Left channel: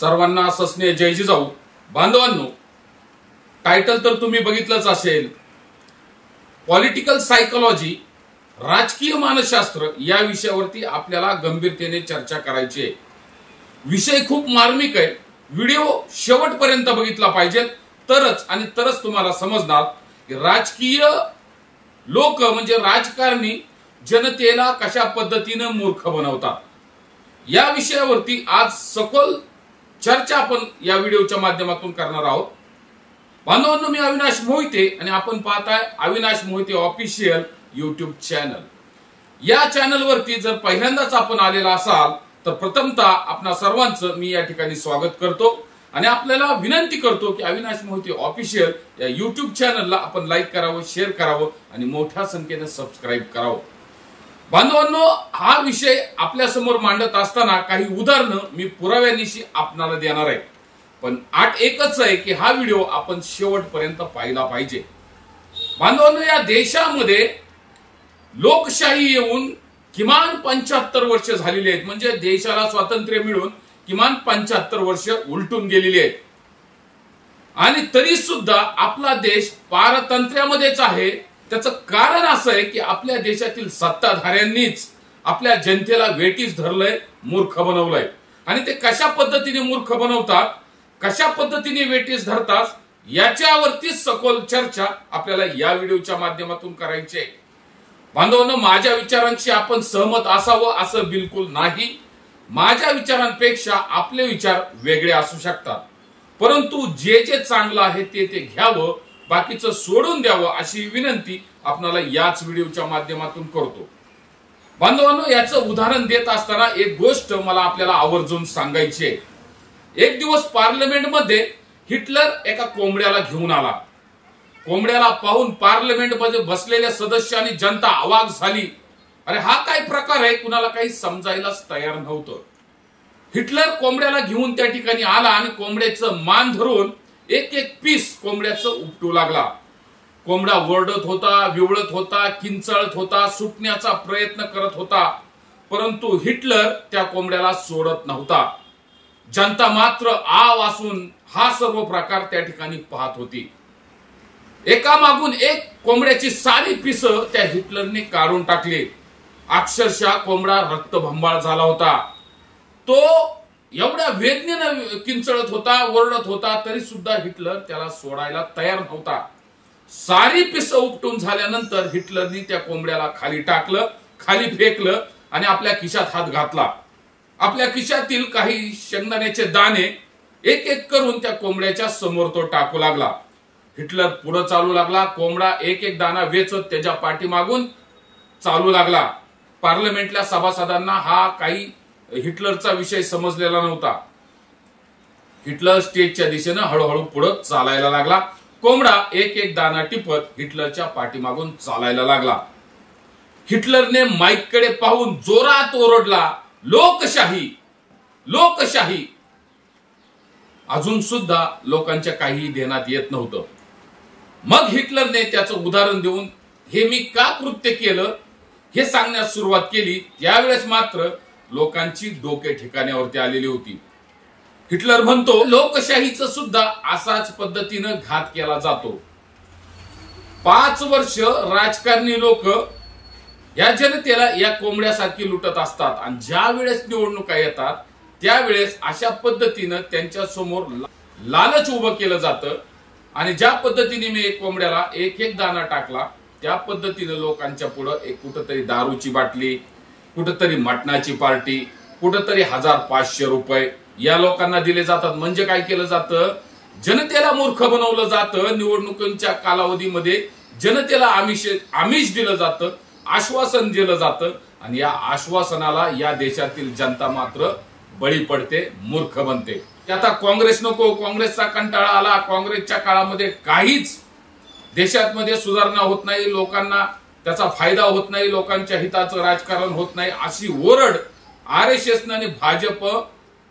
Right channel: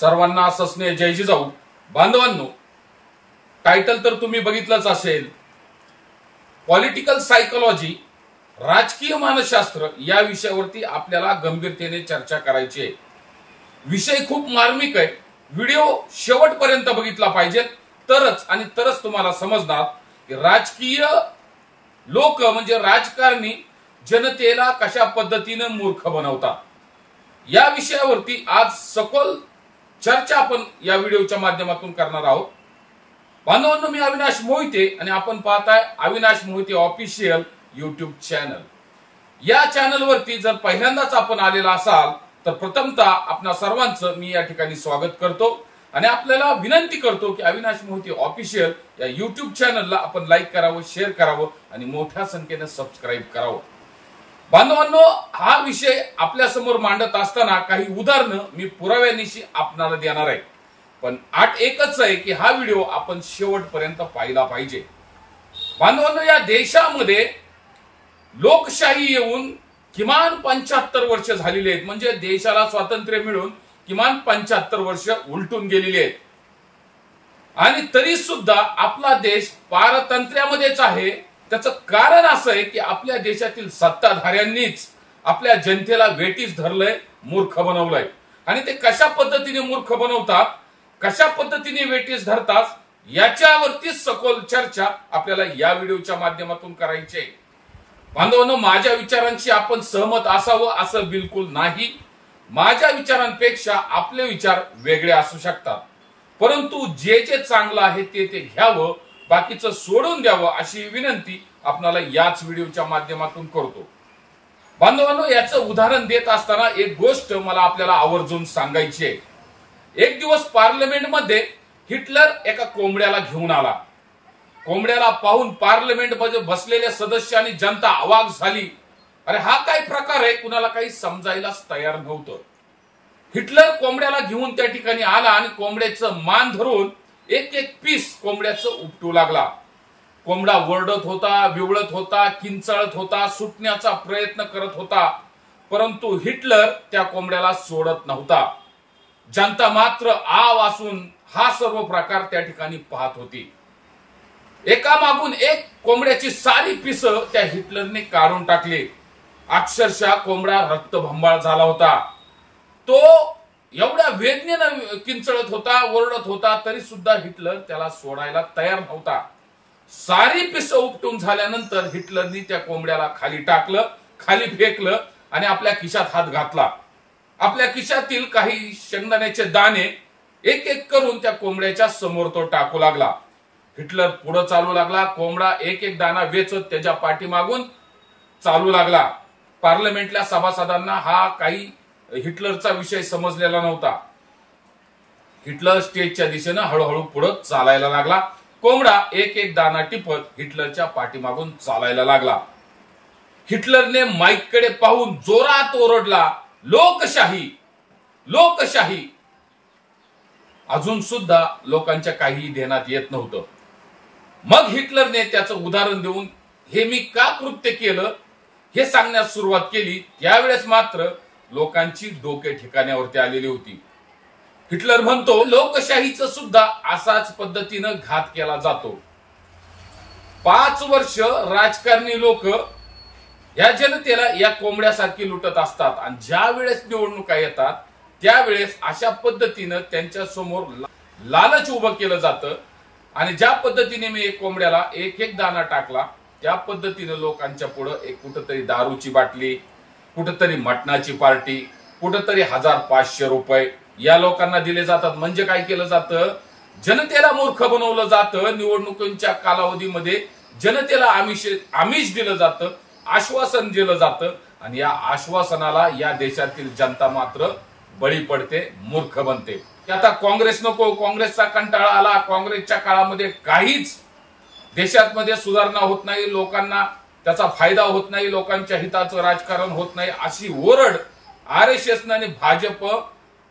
सर्वांना सस्नेह जय जिजाऊ. बांधवांनो, टायटल तर तुम्ही बघितलंच असेल. पॉलिटिकल सायकोलॉजी, राजकीय मानसशास्त्र या विषयावरती आपल्याला गंभीरतेने चर्चा करायची आहे. विषय खूप मार्मिक आहे. व्हिडिओ शेवटपर्यंत बघितला पाहिजे, तरच तुम्हाला समजणार की राजकीय लोक म्हणजे राजकारणी जनतेला कशा पद्धतीने मूर्ख बनवतात. या विषयावरती आज सखोल चर्चा आपण या व्हिडिओच्या माध्यमातून करणार आहोत. बांधवांनो, मी अविनाश मोहिते आणि आपण पाहताय Avinash Mohite official YouTube channel. या चॅनलवरती जर पहिल्यांदाच आपण आलेला असाल तर प्रथमतः आपणा सर्वांचं मी या ठिकाणी स्वागत करतो आणि आपल्याला विनंती करतो की अविनाश मोहिते ऑफिशियल या YouTube चॅनलला आपण लाईक करावं, शेअर करावं आणि मोठ्या संख्येने सबस्क्राईब करावं. बांधवांनो, हा विषय आपल्या समोर मांडत असताना काही उदाहरणं मी पुराव्यानिशी आपणाला देणार आहे. पण आठ एकच आहे की हा व्हिडिओ आपण शेवटपर्यंत पाहिला पाहिजे. बांधवांनो, या देशामध्ये लोकशाही येऊन किमान 75 वर्ष झालेली आहेत. म्हणजे देशाला स्वातंत्र्य मिळून किमान 75 वर्ष उलटून गेलेली आहेत आणि तरी सुद्धा आपला देश पारतंत्र्यामध्येच आहे. त्याचं कारण असं आहे की आपल्या देशातील सत्ताधाऱ्यांनीच आपल्या जनतेला वेठीस धरलंय, मूर्ख बनवलंय. आणि ते कशा पद्धतीने मूर्ख बनवतात, कशा पद्धतीने वेठीस धरतात, याच्यावरती सखोल चर्चा आपल्याला या व्हिडिओच्या माध्यमातून करायची आहे. बांधवांनो, माझ्या विचारांशी आपण सहमत असावं असं बिलकुल नाही. माझ्या विचारांपेक्षा आपले विचार वेगळे असू शकतात, परंतु जे जे चांगलं आहे ते घ्यावं, बाकीचं सोडून द्यावं अशी विनंती आपणाला याच व्हिडिओच्या माध्यमातून करतो. बांधवांनो, याचं उदाहरण देत असताना एक गोष्ट मला आपल्याला आवर्जून सांगायची आहे. एक दिवस पार्लमेंटमध्ये हिटलर एका कोंबड्याला घेऊन आला. कोंबड्याला पाहून पार्लमेंटमध्ये बसलेल्या सदस्य आणि जनता अवाक झाली. अरे हा काय प्रकार आहे, कुणाला काही समजायलाच तयार नव्हतं. हिटलर कोंबड्याला घेऊन त्या ठिकाणी आला आणि कोंबड्याचं मान धरून एक एक पीस कोंबड्याचं उपटू लागला. कोंबडा ओरडत होता, विवळत होता, किंचाळत होता, सुटण्याचा प्रयत्न करत होता, परंतु हिटलर त्या कोंबड्याला सोडत नव्हता. जनता मात्र आ वासून हा सर्व प्रकार त्या ठिकाणी पाहत होती. एकामागून एक कोंबड्याची सारी पिस त्या हिटलरने काढून टाकली. अक्षरशः कोंबडा रक्तभंबाळ झाला होता. तो एवढ्या वेदनेनं किंचळत होता, ओरडत होता, तरी सुद्धा हिटलर त्याला सोडायला तयार नव्हता. सारी पिस उपटून झाल्यानंतर हिटलरनी त्या कोंबड्याला खाली टाकलं, खाली फेकलं आणि आपल्या खिशात हात घातला. आपल्या खिशातील काही शेंगदाण्याचे दाणे एक एक करून त्या कोंबड्याच्या समोर तो टाकू लागला. हिटलर पुढे चालू लागला. कोंबडा एक एक दाणा वेचत त्याच्या पाठीमागून चालू लागला. पार्लमेंटल्या सभासदांना हा काही हिटलरचा विषय समजलेला नव्हता. हिटलर स्टेजच्या दिशेने हळूहळू पुढे चालायला लागला. कोंबडा एक एक दाणा टिपत हिटलरच्या पाठीमागून चालायला लागला. हिटलरने माईककडे पाहून जोरात ओरडला, लोकशाही, लोकशाही. अजून सुद्धा लोकांच्या काही ध्यानात येत नव्हतं. मग हिटलरने त्याचं उदाहरण देऊन हे मी का कृत्य केलं हे सांगण्यास सुरुवात केली. त्यावेळेस मात्र लोकांची डोके ठिकाण्यावरती आलेली होती. हिटलर म्हणतो, लोकशाहीचं सुद्धा असाच पद्धतीनं घात केला जातो. 5 वर्ष राजकारणी लोक या जनतेला या कोंबड्यासारखी लुटत असतात आणि ज्या वेळेस निवडणुका येतात त्यावेळेस अशा पद्धतीनं त्यांच्या समोर लालच उभं केलं जातं आणि ज्या पद्धतीने मी एक कोंबड्याला एक एक दाणा टाकला त्या पद्धतीनं लोकांच्या पुढे एक कुठंतरी दारूची बाटली, कुठंतरी मटणाची पार्टी, कुठंतरी 1000-500 रुपये या लोकांना दिले जातात. म्हणजे काय केलं जातं, जनतेला मूर्ख बनवलं जातं. निवडणुकीच्या कालावधीमध्ये जनतेला आमिष दिलं जातं, आश्वासन दिलं जातं आणि या आश्वासनाला या देशातील जनता मात्र बळी पडते, मूर्ख बनते. आता काँग्रेस नको, काँग्रेसचा कंटाळा आला, काँग्रेसच्या काळामध्ये काहीच देशात सुधारणा होत नाही, लोकांना त्याचा फायदा होत नाही, लोकांच्या हिताचं राजकारण होत नाही, अशी ओरड RSS आणि भाजप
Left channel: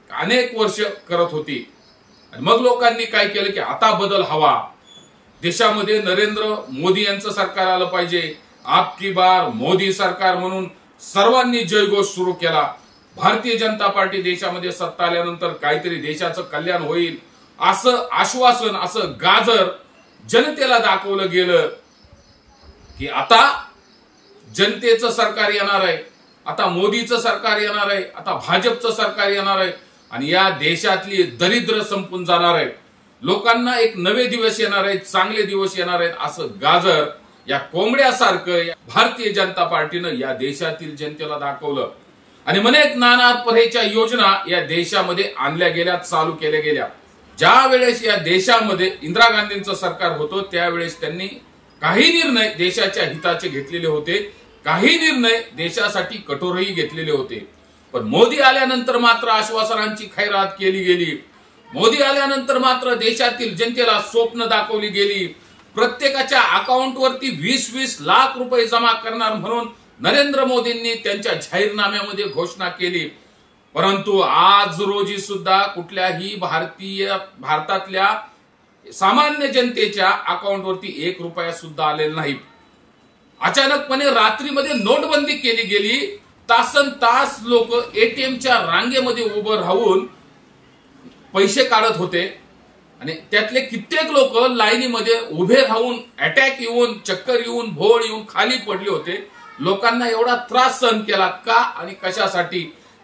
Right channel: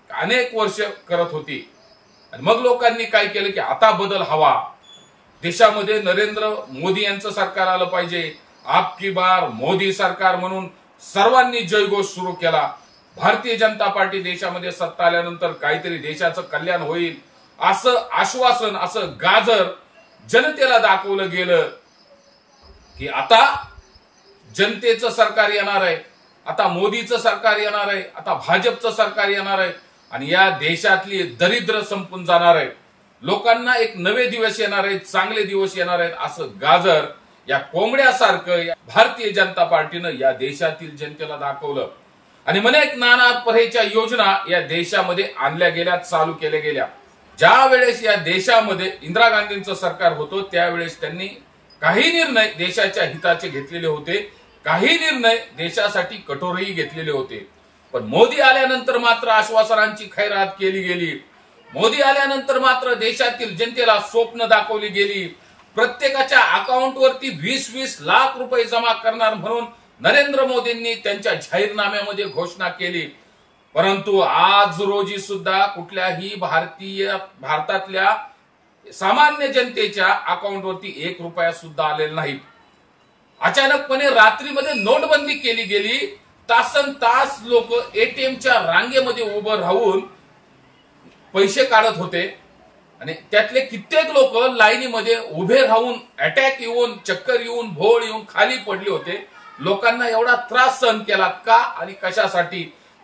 अनेक वर्ष करत होती. आणि मग लोकांनी काय केलं की आता बदल हवा, देशामध्ये नरेंद्र मोदी यांचं सरकार आलं पाहिजे, आपकी बार मोदी सरकार म्हणून सर्वांनी जयघोष सुरू केला. भारतीय जनता पार्टी देशामध्ये सत्ता आल्यानंतर काहीतरी देशाचं कल्याण होईल असं आश्वासन, असं गाजर जनतेला दाखवलं गेलं की आता जनतेचं सरकार येणार आहे, आता मोदीचं सरकार येणार आहे, आता भाजपचं सरकार येणार आहे आणि या देशातली दरिद्र संपून जाणार आहे, लोकांना एक नवे दिवस येणार आहेत, चांगले दिवस येणार आहेत असं गाजर या कोंबड्यासारखं भारतीय जनता पार्टीनं या देशातील जनतेला दाखवलं. आणि अनेक नाना तऱ्हेच्या योजना या देशामध्ये आणल्या गेल्या, चालू केल्या गेल्या. ज्या वेळेस या देशामध्ये इंदिरा गांधींचं सरकार होतं त्यावेळेस त्यांनी काही निर्णय देशाच्या हिताचे घेतलेले होते, काही निर्णय देशासाठी कठोरही घेतलेले होते. पण मोदी आल्यानंतर मात्र आश्वासनांची खैरात केली गेली. मोदी आल्यानंतर मात्र देशातील जनतेला स्वप्न दाखवली गेली. प्रत्येकाच्या अकाउंटवरती 20-20 लाख रुपये जमा करणार म्हणून नरेंद्र मोदींनी त्यांच्या जाहीरनाम्यामध्ये घोषणा केली. परंतु आज रोजी सुद्धा कुठल्याही भारतातल्या सामान्य जनतेच्या अकाउंटवरती 1 रुपया सुद्धा आलेला नाही. अचानकपणे रात्रीमध्ये नोटबंदी केली गेली. तासन तास लोक एटीएमच्या रांगेमध्ये उभं राहून पैसे काढत होते आणि त्यातले कित्येक लोक लाईनीमध्ये उभे राहून अटॅक येऊन, चक्कर येऊन, भोळ येऊन खाली पडले होते. लोकांना एवढा त्रास सहन केला का आणि कशासाठी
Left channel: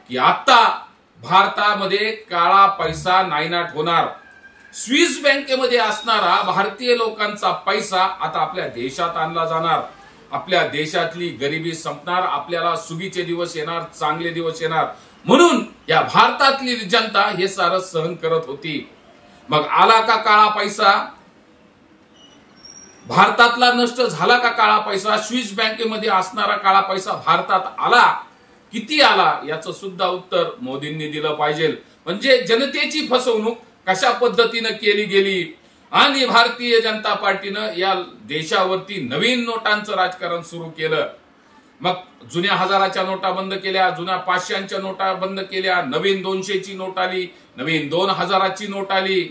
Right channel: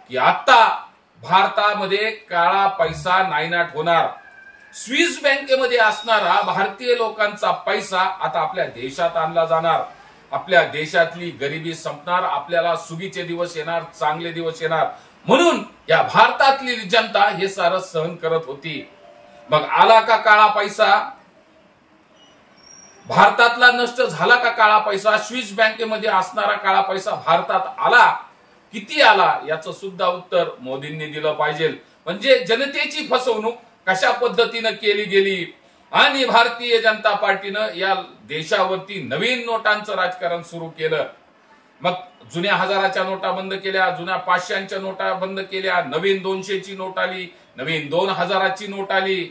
की आता भारतामध्ये काळा पैसा नायनाट होणार. स्विस बँकेमध्ये असणारा भारतीय लोकांचा पैसा आता आपल्या देशात आणला जाणार. आपल्या देशातली गरिबी संपणार, आपल्याला सुगीचे दिवस येणार, चांगले दिवस येणार. म्हणून या भारतातली जनता हे सारं सहन करत होती. मग आला का काळा पैसा? भारतातला नष्ट झाला का काळा पैसा? स्विस बँकेमध्ये असणारा काळा पैसा भारतात आला? किती आला? याचं सुद्धा उत्तर मोदींनी दिलं पाहिजे. म्हणजे जनतेची फसवणूक कशा पद्धतीनं केली गेली आणि भारतीय जनता पार्टीनं या देशावरती नवीन नोटांचं राजकारण सुरू केलं. मग जुन्या 1000च्या नोटा बंद केल्या, जुन्या 500च्या नोटा बंद केल्या, नवीन 200ची नोट आली, नवीन 2000ची नोट आली.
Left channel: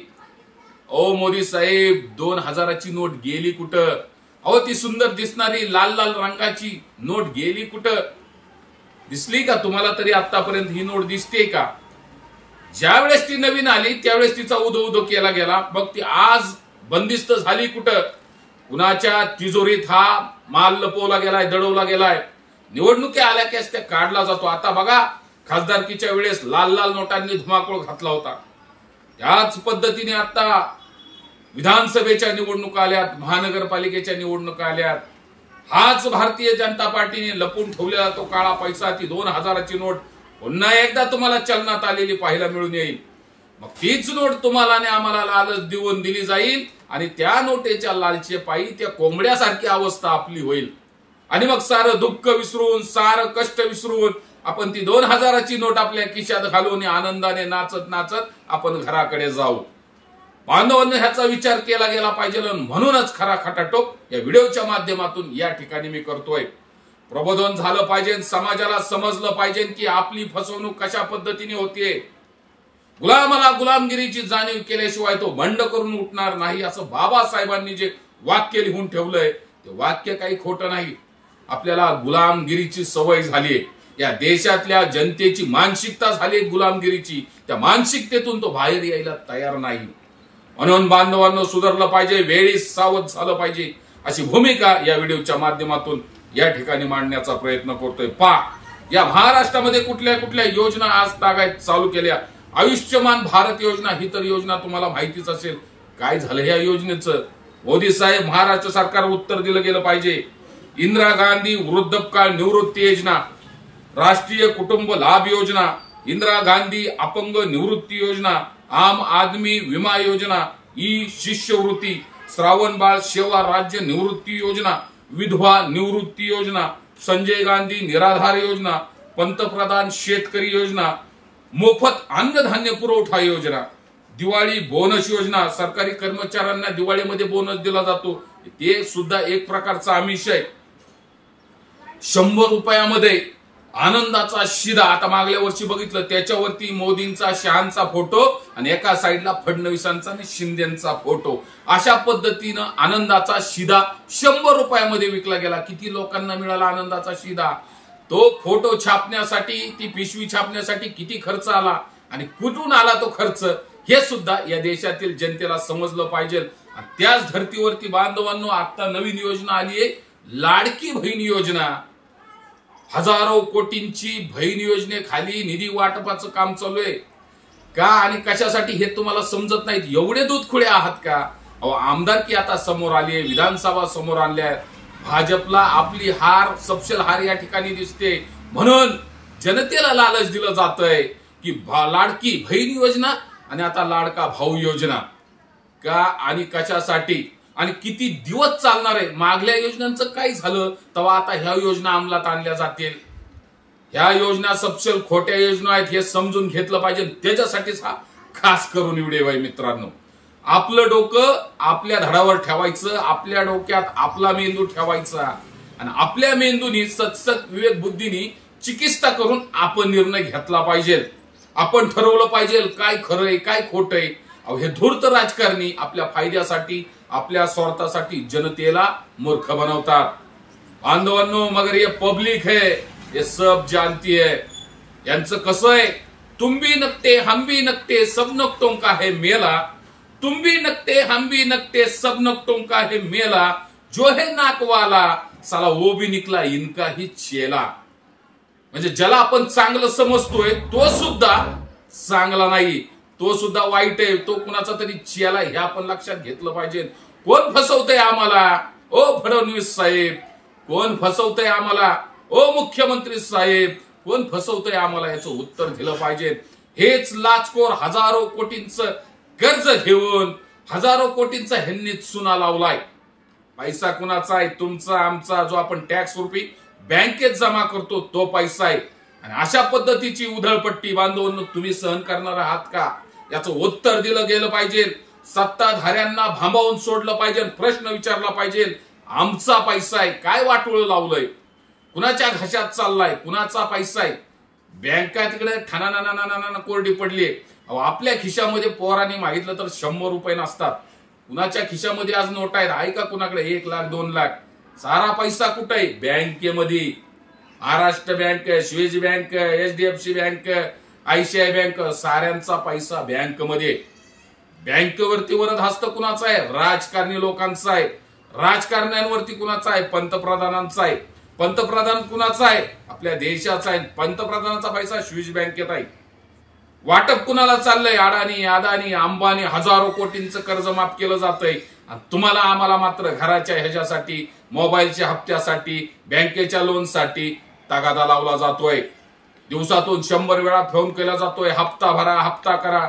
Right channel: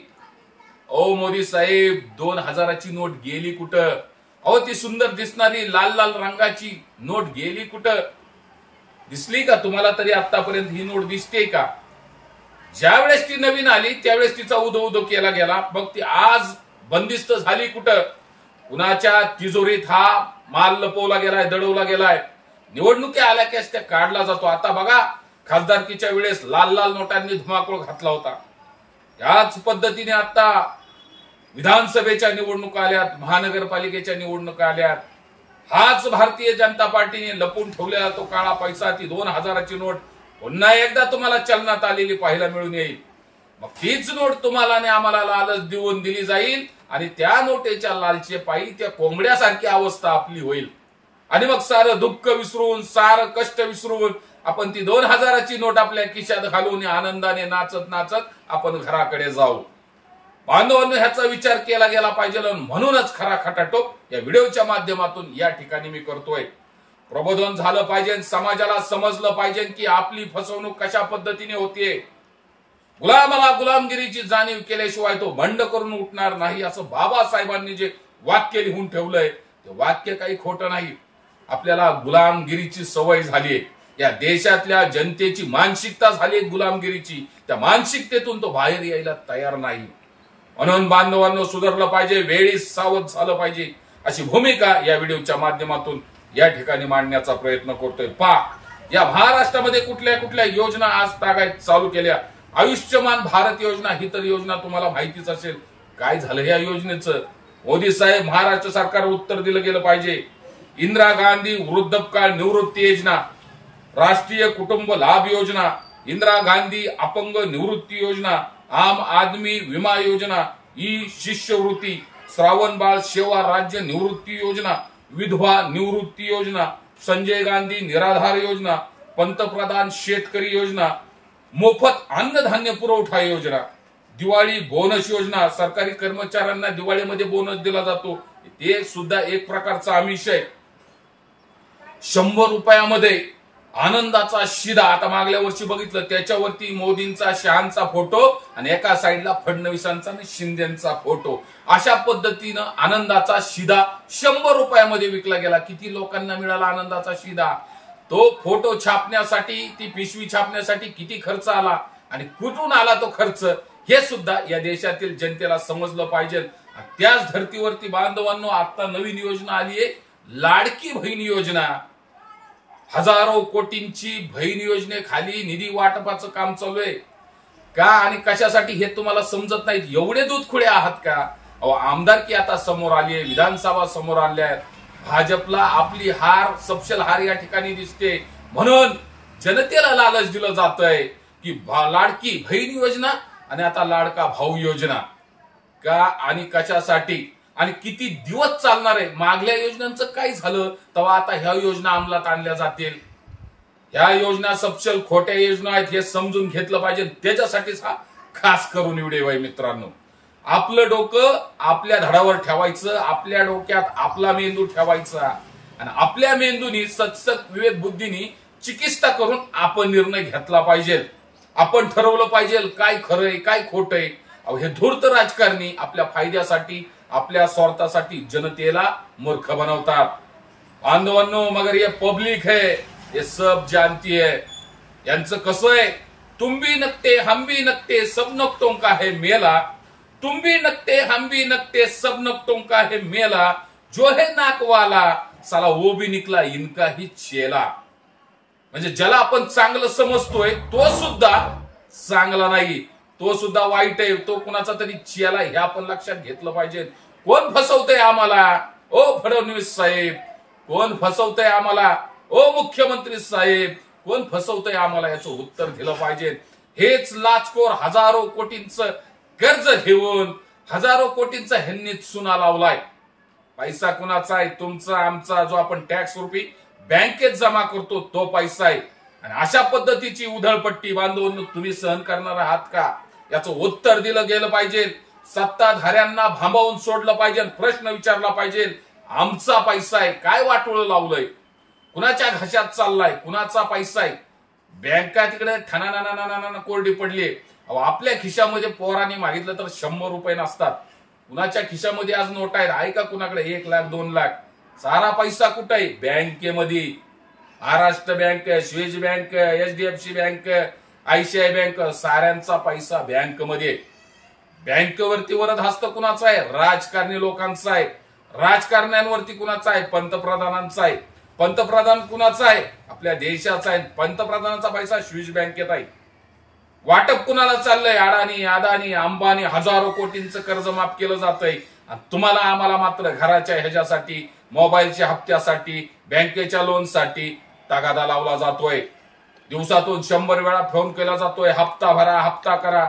ओ मोदी साहेब, 2000ची नोट गेली कुठं? अहो ती सुंदर दिसणारी लाल लाल रंगाची नोट गेली कुठं? दिसली का तुम्हाला तरी आतापर्यंत ही नोट दिसते का? ज्या वेळेस ती नवीन आली त्यावेळेस तिचा उदो उदो केला गेला. मग ती आज बंदिस्त झाली कुठं? कुणाच्या तिजोरीत हा माल लपवला गेलाय, दडवला गेलाय. निवडणुकी आल्या की त्या काढला जातो. आता बघा, खासदारकीच्या वेळेस लाल लाल नोटांनी धुमाकूळ घातला होता. याच पद्धतीने आता विधानसभेच्या निवडणुका आल्यात, महानगरपालिकेच्या निवडणुका आल्यात. हाच भारतीय जनता पार्टीने लपून ठेवलेला तो काळा पैसा, ती 2000ची नोट पुन्हा एकदा तुम्हाला चलनात आलेली पाहायला मिळून येईल. मग तीच नोट तुम्हाला आणि आम्हाला लालच देऊन दिली जाईल आणि त्या नोटेच्या लालचे पायी त्या कोंबड्यासारखी अवस्था आपली होईल. आणि मग सारं दुःख विसरून, सारं कष्ट विसरून आपण ती 2000ची नोट आपल्या खिशात घालून आनंदाने नाचत नाचत आपण घराकडे जाऊ. बांधवांनो, ह्याचा विचार केला गेला पाहिजे. म्हणूनच खरा खटाटोप या व्हिडिओच्या माध्यमातून या ठिकाणी मी करतोय. प्रबोधन झालं पाहिजे, समाजाला समजलं पाहिजे की आपली फसवणूक कशा पद्धतीने होतीये. गुलामाला गुलामगिरीची जाणीव केल्याशिवाय तो बंड करून उठणार नाही, असं बाबासाहेबांनी जे वाक्य लिहून ठेवलंय ते वाक्य काही खोटं नाही. आपल्याला गुलामगिरीची सवय झालीये. या देशातल्या जनतेची मानसिकता झाली गुलामगिरीची. त्या मानसिकतेतून तो बाहेर यायला तयार नाही. म्हणून बांधवांनो, सुधारलं पाहिजे, वेळी सावध झालं पाहिजे, अशी भूमिका या व्हिडिओच्या माध्यमातून या ठिकाणी मांडण्याचा प्रयत्न करतोय. या महाराष्ट्रामध्ये कुठल्या कुठल्या योजना आज तागायत चालू केल्या. आयुष्यमान भारत योजना ही तर योजना तुम्हाला माहितीच असेल. काय झालं या योजनेचं? मोदी साहेब, महाराष्ट्र सरकार उत्तर दिलं गेलं पाहिजे. इंदिरा गांधी वृद्धकाळ निवृत्ती योजना, राष्ट्रीय कुटुंब लाभ योजना, इंदिरा गांधी अपंग निवृत्ती योजना, आम आदमी विमा योजना, ई शिष्यवृत्ती, श्रावण बाळ सेवा राज्य निवृत्ती योजना, विधवा निवृत्ती योजना, संजय गांधी निराधार योजना, पंतप्रधान शेतकरी योजना, मोफत अन्नधान्य पुरवठा योजना, दिवाळी बोनस योजना, सरकारी कर्मचाऱ्यांना दिवाळीमध्ये बोनस दिला जातो, ते सुद्धा एक प्रकारचा आमिष आहे. 100 रुपयामध्ये आनंदाचा शिदा. आता मागल्या वर्षी बघितलं, त्याच्यावरती मोदींचा, शहांचा फोटो आणि एका साईडला फडणवीसांचा आणि शिंदेचा फोटो. अशा पद्धतीनं आनंदाचा शिदा 100 रुपयामध्ये विकला गेला. किती लोकांना मिळाला आनंदाचा शिदा? तो फोटो छापण्यासाठी, ती पिशवी छापण्यासाठी किती खर्च आला आणि कुठून आला तो खर्च, हे सुद्धा या देशातील जनतेला समजलं पाहिजे. त्याच धर्तीवरती बांधवांनो आता नवीन योजना आली आहे, लाडकी बहीण योजना. हजारो कोटींची बहीण योजनेखाली निधी वाटपाचं काम चालू आहे. का आणि कशासाठी हे तुम्हाला समजत नाहीत? एवढे दूधखुळे आहात का? अहो, आमदारकी आता समोर आली आहे, विधानसभा समोर आणल्या आहेत. भाजपला आपली हार, सपशेल हार या ठिकाणी दिसते, म्हणून जनतेला लालच दिलं जातंय की लाडकी बहीण योजना आणि आता लाडका भाऊ योजना. का आणि कशासाठी आणि किती दिवस चालणार आहे? मागल्या योजनांचं काय झालं तेव्हा आता ह्या योजना अंमलात आणल्या जातील. ह्या योजना सपशेल खोट्या योजना आहेत हे समजून घेतलं पाहिजे. त्याच्यासाठीच हा खास करून व्हिडिओ आहे मित्रांनो. आपलं डोकं आपल्या धडावर ठेवायचं, आपल्या डोक्यात आपला मेंदू ठेवायचा आणि आपल्या मेंदूनी सत्सक विवेक बुद्धीनी चिकित्सा करून आपण निर्णय घेतला पाहिजे. आपण ठरवलं पाहिजे काय खरंय काय खोटंय. हे धूर्त राजकारणी आपल्या फायद्यासाठी, आपल्या स्वार्थासाठी जनतेला मूर्ख बनवतात. बांधवांनो, मगर ये पब्लिक है, ये सब जानती है. यांचं कसं आहे, तुम भी नकते हम भी नकते सब नकतों का है मेला. तुम भी नकते हम भी नकते सब नकतों का है मेला. जो है नाकवाला साला वो भी निकला इनका ही चेला. म्हणजे ज्याला आपण चांगलं समजतोय तो सुद्धा चांगला नाही, तो सुद्धा वाईट आहे, तो कुणाचा तरी चेला. हे आपण लक्षात घेतलं पाहिजे. कोण फसवतंय आम्हाला? ओ फडणवीस साहेब, कोण फसवतंय आम्हाला? ओ मुख्यमंत्री साहेब, कोण फसवतंय आम्हाला? याचं उत्तर दिलं पाहिजे. हेच लाचखोर हजारो कोटींचं कर्ज घेऊन हजारो कोटींचा ह्यांनी चुना लावलाय. पैसा कुणाचा आहे? तुमचा, आमचा, जो आपण टॅक्स रुपी बँकेत जमा करतो तो पैसा आहे. आणि अशा पद्धतीची उधळपट्टी बांधून तुम्ही सहन करणार आहात का? याचं उत्तर दिलं गेलं पाहिजे. सत्ताधाऱ्यांना भांबावून सोडलं पाहिजे, प्रश्न विचारला पाहिजे. आमचा पैसा आहे, काय वाटोळं लावलंय? कुणाच्या घशात चाललाय? कुणाचा पैसा आहे? बँका तिकडे ठाणाना कोरडी पडली. आपल्या खिशामध्ये पोरांनी मागितलं तर 100 रुपये नसतात. कुणाच्या खिशामध्ये आज नोट आहेत? आहे का कुणाकडे 1 लाख 2 लाख? सारा पैसा कुठे आहे? बँकेमध्ये. महाराष्ट्र बँक, स्वेज bank, HDFC bank, ICICI bank, साऱ्यांचा पैसा बँकमध्ये. बँकेवरती वरद हस्त कुणाचा आहे? राजकारणी लोकांचा आहे. राजकारण्यांवरती कुणाचा आहे? पंतप्रधानांचा आहे. पंतप्रधान कुणाचा आहे? आपल्या देशाचा आहे. पंतप्रधानांचा पैसा स्विस बँकेत आहे. वाटप कुणाला चाललंय? अडाणी, अंबानी, हजारो कोटींचं कर्ज माफ केलं जातंय. तुम्हाला आम्हाला मात्र घराच्या ह्याच्यासाठी, मोबाईलच्या हप्त्यासाठी, बँकेच्या लोनसाठी तगादा लावला जातोय. दिवसातून 100 वेळा फोन केला जातोय, हप्ता भरा, हप्ता करा.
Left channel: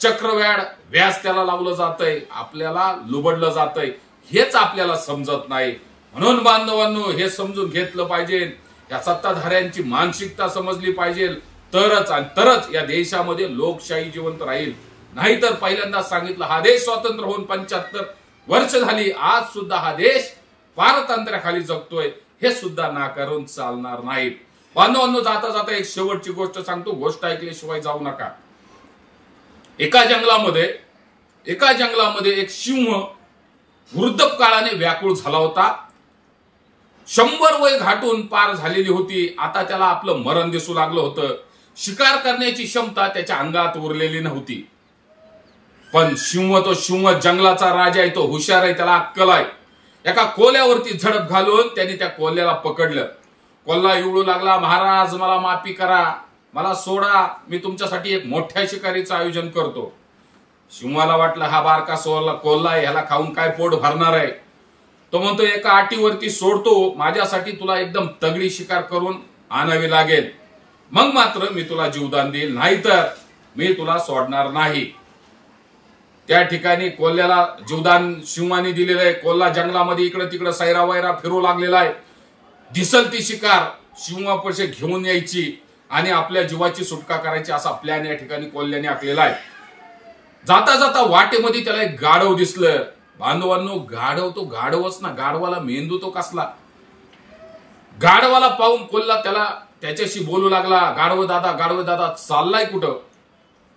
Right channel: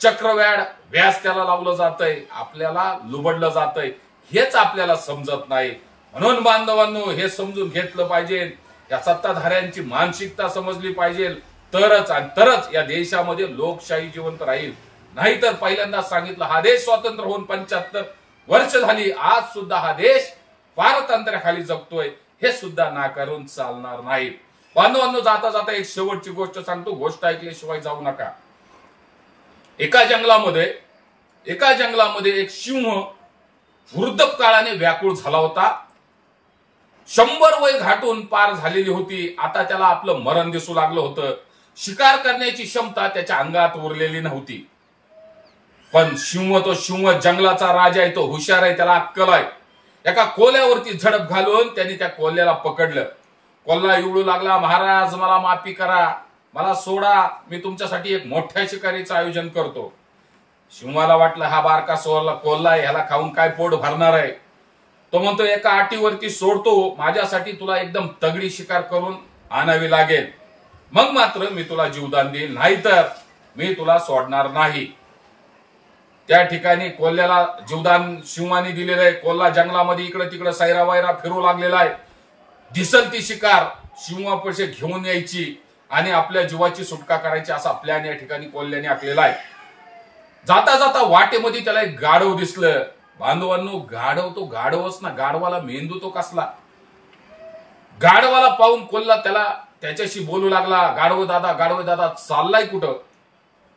चक्रव्याड व्याज त्याला लावलं जातंय, आपल्याला लुबडलं जातंय. हेच आपल्याला समजत नाही. म्हणून बांधवांनो, हे समजून घेतलं पाहिजे. या सत्ताधाऱ्यांची मानसिकता समजली पाहिजे, तरच या देशामध्ये लोकशाही जिवंत राहील. नाहीतर पहिल्यांदा सांगितलं, हा देश स्वतंत्र होऊन 75 वर्ष झाली, आज सुद्धा हा देश पारतंत्र्याखाली जगतोय, हे सुद्धा नाकारून चालणार नाही. बांधवांनो, जाता जाता एक शेवटची गोष्ट सांगतो, गोष्ट ऐकल्याशिवाय जाऊ नका. एका जंगलामध्ये एक सिंह वृद्धकाळाने व्याकुळ झाला होता. 100 वय घाटून पार झालेली होती. आता त्याला आपलं मरण दिसू लागलं होतं. शिकार करण्याची क्षमता त्याच्या अंगात उरलेली नव्हती. पण तो सिंह जंगलाचा राजा आहे, तो हुशार आहे, त्याला अक्कल आहे. एका कोल्ह्यावरती झडप घालून त्यांनी त्या कोल्ह्याला पकडलं. कोल्हा इवळू लागला, महाराज मला माफी करा, मला सोडा, मी तुमच्यासाठी एक मोठ्या शिकारीचं आयोजन करतो. सिंहाला वाटलं हा बारका कोल्हा आहे, ह्याला खाऊन काय पोट भरणार आहे. तो म्हणतो, एका अटीवरती सोडतो, माझ्यासाठी तुला एकदम तगडी शिकार करून आणावी लागेल, मग मात्र मी तुला जीवदान देईल, नाहीतर मी तुला सोडणार नाही. त्या ठिकाणी कोल्ह्याला जीवदान सिंहाने दिलेलं आहे. कोल्हा जंगलामध्ये इकडे तिकडे सैरा वैरा फिरू लागलेला आहे. दिसल ती शिकार सिंहापाशी घेऊन यायची आणि आपल्या जीवाची सुटका करायची, असा प्लॅन या ठिकाणी कोल्ह्याने आखलेला आहे. जाता जाता वाटेमध्ये त्याला एक गाढव दिसलं. बांधवांनो, गाढव तो गाढवच ना, गाढवाला मेंदू तो कसला. गाढवाला पाहून कोल्हा त्याच्याशी बोलू लागला, गाढव दादा चाललाय कुठं?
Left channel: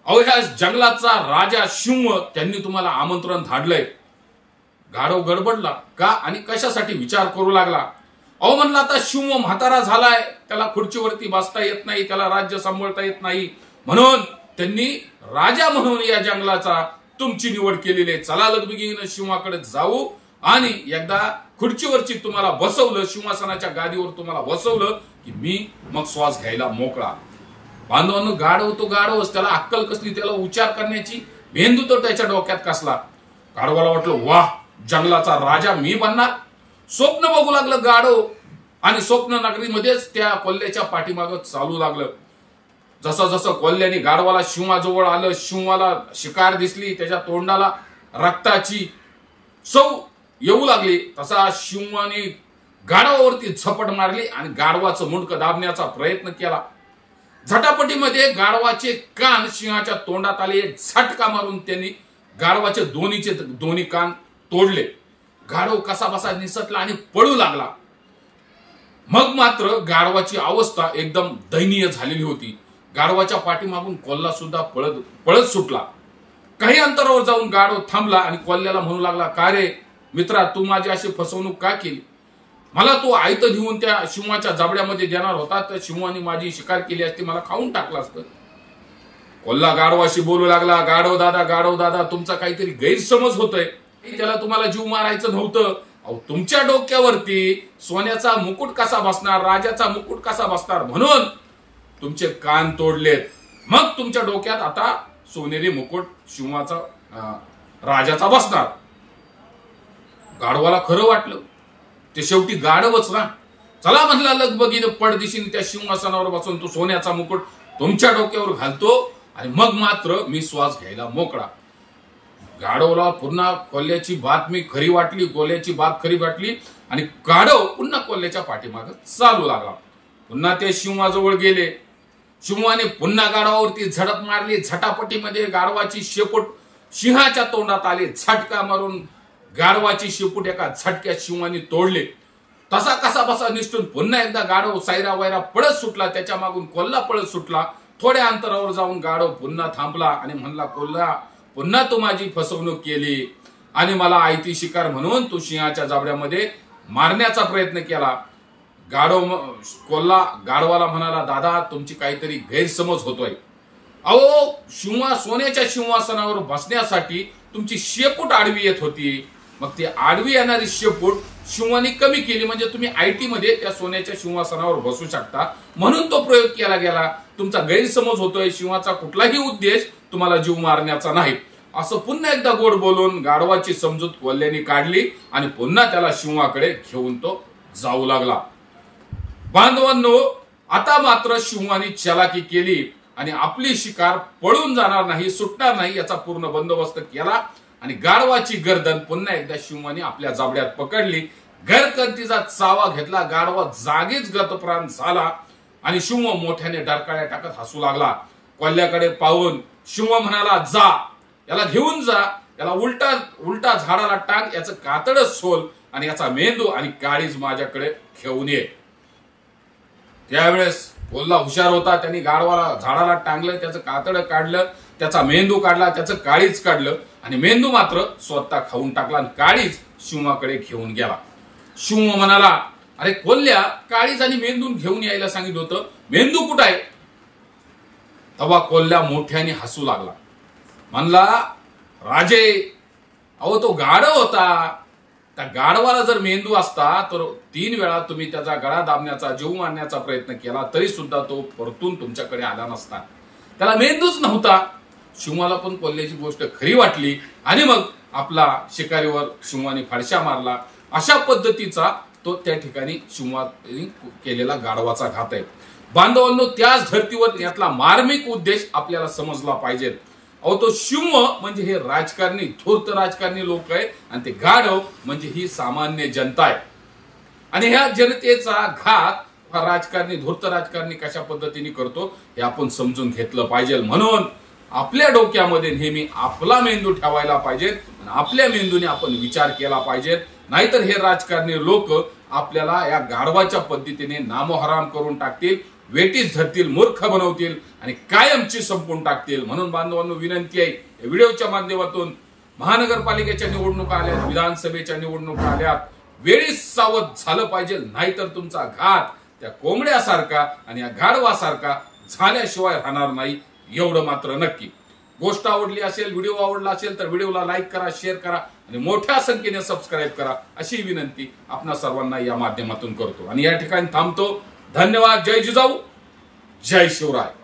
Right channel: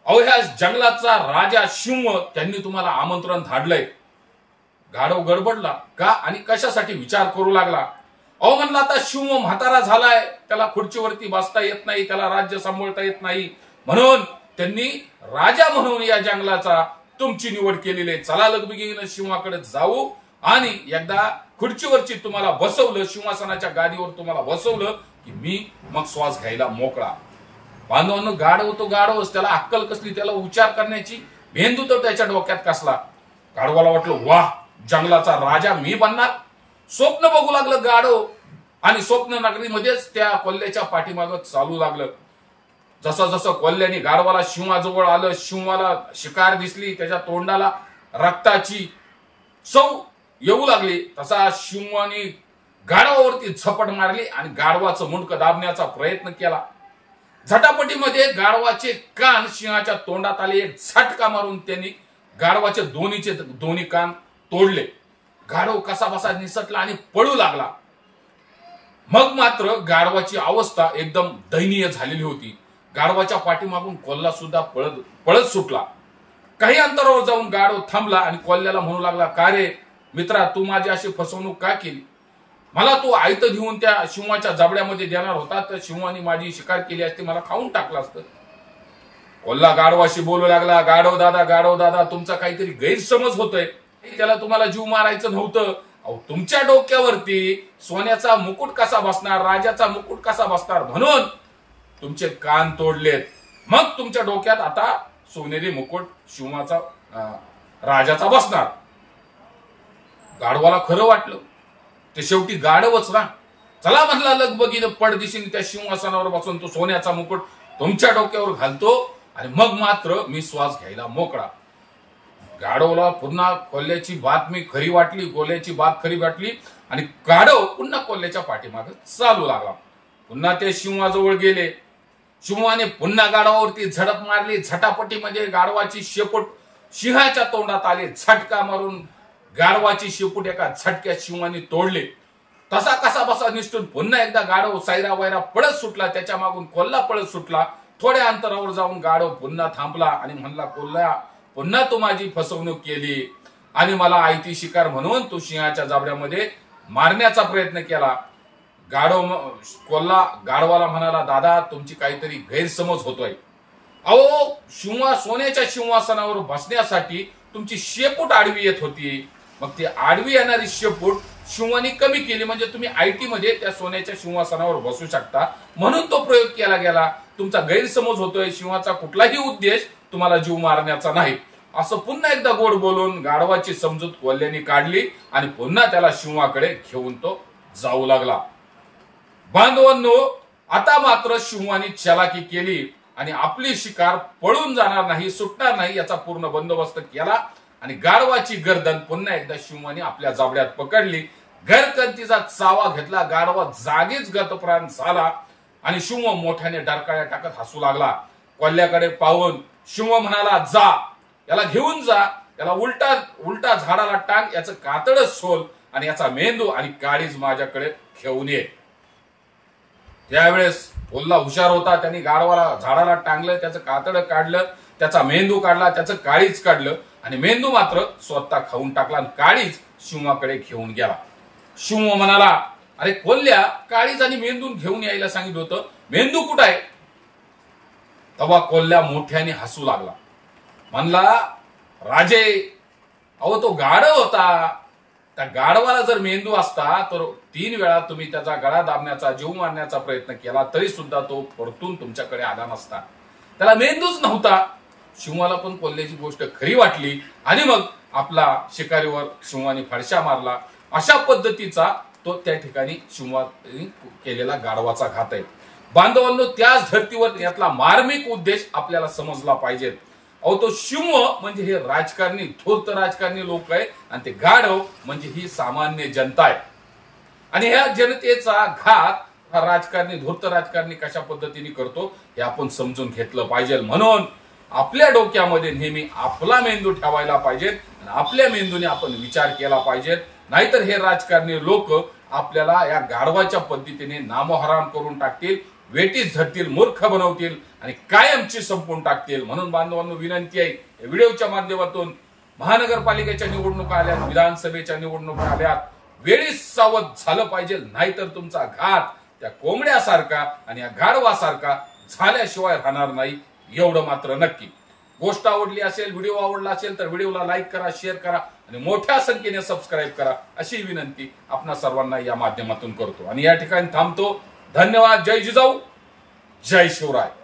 अहो, ह्या जंगलाचा राजा सिंह त्यांनी तुम्हाला आमंत्रण धाडलंय. गाढव गडबडला. का आणि कशासाठी विचार करू लागला. अहो म्हणलं आता शिव म्हातारा झालाय, त्याला खुर्चीवरती बसता येत नाही, त्याला राज्य सांभाळता येत नाही, म्हणून त्यांनी राजा म्हणून या जंगलाचा तुमची निवड केलेली आहे. चला लगबगीने शिवाकडे जाऊ आणि एकदा खुर्चीवरची तुम्हाला बसवलं, सिंहासनाच्या गादीवर तुम्हाला बसवलं की मी मग श्वास घ्यायला मोकळा. बांधवांनो, गाढव तो गाढवच, त्याला अक्कल कसली, त्याला उच्चार करण्याची मेंदू तर त्याच्या डोक्यात कसला. गाढवाला वाटलं वाह, जंगलाचा राजा मी बनणार. स्वप्न बघू लागलं गाढव आणि स्वप्न नगरीमध्येच त्या कोल्ह्याच्या पाठीमागं चालू लागलं. जसं जसं कोल्ह्याने गाढवाला शिवाजवळ आलं, शिवाला शिकार दिसली, त्याच्या तोंडाला रक्ताची चव येऊ लागली, तसा शिवाने गाढवावरती झपट मारली आणि गाढवाचं मुंडकं दाबण्याचा प्रयत्न केला. झटापटीमध्ये गाढवाचे कान सिंहाच्या तोंडात आले. एक झटका मारून त्यांनी गाढवाचे दोन्ही कान तोडले. गाढव कसाबसा निसटला आणि पळू लागला. मग मात्र गाढवाची अवस्था एकदम दयनीय झालेली होती. गाढवाच्या पाठीमागून कोल्हा सुद्धा पळत सुटला. काही अंतरावर जाऊन गाढव थांबला आणि कोल्ह्याला म्हणू लागला, का रे मित्रा, तू माझी अशी फसवणूक का केली? मला तू आयत घेऊन त्या शिवाच्या जबड्यामध्ये देणार होता, तर शिवानी माझी शिकार केली असती, मला खाऊन टाकलं असतं. कोल्हा गाढवाशी बोलू लागला, गाढव दादा, तुमचा काहीतरी गैरसमज होतोय. त्याला तुम्हाला जीव मारायचं नव्हतं. अहो, तुमच्या डोक्यावरती सोन्याचा मुकुट कसा बसणार, राजाचा मुकुट कसा बसणार, म्हणून तुमचे कान तोडलेत. मग तुमच्या डोक्यात आता सोनेरी मुकुट शिवाचा राजाचा बसणार. गाढवाला खरं वाटलं, ते शेवटी गाढवच ना. चला म्हणला लगबगीने पडदिशीने त्या सिंहासनावर बसून तो सोन्याचा मुकुट तुमच्या डोक्यावर घालतो आणि मग मात्र मी श्वास घ्यायला मोकळा. गाढवला पुन्हा कोल्ह्याची बातमी खरी वाटली, कोल्ह्याची बात खरी वाटली आणि गाढव पुन्हा कोल्ह्याच्या पाठीमागे चालू लागला. पुन्हा ते सिंहाजवळ गेले. सिंहाने पुन्हा गाढवावरती झडप मारली. झटापटीमध्ये गाढवाची शेपूट सिंहाच्या तोंडात आले. झटका मारून गाढवाची शेपूट एका झटक्यात सिंहाने तोडले. तसा कसा बसा निष्ठून पुन्हा एकदा गाढव सायरा वायरा पळत सुटला. त्याच्या मागून कोल्हा पळत सुटला. थोड्या अंतरावर जाऊन गाढव पुन्हा थांबला आणि म्हणला, कोल्हा, पुन्हा तू माझी फसवणूक केली आणि मला आयती शिकार म्हणून तू सिंहाच्या जाबड्यामध्ये मारण्याचा प्रयत्न केला. कोल्हा गाढवाला म्हणाला, दादा, तुमची काहीतरी गैरसमज होतोय. अहो, सोन्याच्या सिंहासनावर बसण्यासाठी तुमची शेपूट आडवी येत होती. मग ती आडवी येणारी शेपूट शिवानी कमी केली, म्हणजे तुम्ही आयटी मध्ये त्या सोन्याच्या सिंहासनावर बसू शकता, म्हणून तो प्रयोग केला गेला. तुमचा गैरसमज होतोय. शिवाचा कुठलाही उद्देश तुम्हाला जीव मारण्याचा नाही. असं पुन्हा एकदा गोड बोलून गाढवाची समजूत कोल्ह्याने काढली आणि पुन्हा त्याला शिवाकडे घेऊन तो जाऊ लागला. बांधवांनो, आता मात्र शिवानी चलाकी केली आणि आपली शिकार पळून जाणार नाही, सुटणार नाही याचा पूर्ण बंदोबस्त केला आणि गाढवाची गर्दन पुन्हा एकदा शिवानी आपल्या जाबड्यात पकडली. घरकंतीचा चावा घेतला. गाढवा जागीच गतप्राण झाला आणि शिव मोठ्याने डरकाळ्या टाकत हसू लागला. कोल्ह्याकडे पाहून शिव म्हणाला, जा, याला घेऊन जा, याला उलटा झाडाला टाक, याचं कातड सोल आणि याचा मेंदू आणि काळीज माझ्याकडे घेऊन ये. त्यावेळेस कोल्हा हुशार होता. त्यांनी गाढवाला झाडाला टांगलं, त्याचं कातड काढलं, त्याचा मेंदू काढला, त्याचं काळीज काढलं आणि मेंदू मात्र स्वतः खाऊन टाकला आणि काळीज शिवाकडे घेऊन गेला. शिव म्हणाला, अरे कोल्ह्या, काळीज आणि मेंदून घेऊन यायला सांगितलं होतं, मेंदू कुठं आहे? तेव्हा कोल्ह्या मोठ्याने हसू लागला. म्हणला, राजे, अहो तो गाढव होता. त्या गाढवाला जर मेंदू असता तर 3 वेळा तुम्ही त्याचा गळा दाबण्याचा, जीव मारण्याचा प्रयत्न केला तरी सुद्धा तो परतून तुमच्याकडे आला नसता. त्याला मेंदूच नव्हता. शिवाला पण कोल्ह्याची गोष्ट खरी वाटली आणि मग आपला शिकारीवर शिवानी फाडशा मारला. अशा पद्धतीचा तो त्या ठिकाणी शिवानी केलेला गाढवाचा घात आहे. बांधवांनो, त्याच धर्तीवर यातला मार्मिक उद्देश आपल्याला समजला पाहिजे. अहो, तो शिव म्हणजे हे राजकारणी, धूर्त राजकारणी लोक आहे आणि ते गाढव म्हणजे ही सामान्य जनता आहे. आणि ह्या जनतेचा घात हा राजकारणी, धूर्त राजकारणी कशा पद्धतीने करतो हे आपण समजून घेतलं पाहिजे. म्हणून आपल्या डोक्यामध्ये नेहमी आपला मेंदू ठेवायला पाहिजे आणि आपल्या मेंदूने आपण विचार केला पाहिजे. नाहीतर हे राजकारणी लोक आपल्याला या गाढवाच्या पद्धतीने नामोहराम करून टाकतील, वेटीस धरतील, मूर्ख बनवतील आणि कायमची संपून टाकतील. म्हणून बांधवांनो, विनंती आहे, या व्हिडिओच्या माध्यमातून महानगरपालिकेच्या निवडणुका आल्यात, विधानसभेच्या निवडणुका आल्यात, वेळीच सावध झालं पाहिजे, नाहीतर तुमचा घात त्या कोंबड्यासारखा आणि या गाढवासारखा झाल्याशिवाय राहणार नाही, एवढं मात्र नक्की. गोष्ट आवडली असेल, व्हिडिओ आवडला असेल तर व्हिडिओला लाईक करा, शेअर करा आणि मोठ्या संख्येने सबस्क्राईब करा अशी विनंती आपणा सर्वांना या माध्यमातून करतो आणि या ठिकाणी थांबतो. धन्यवाद. जय जिजाऊ, जय शिवराय.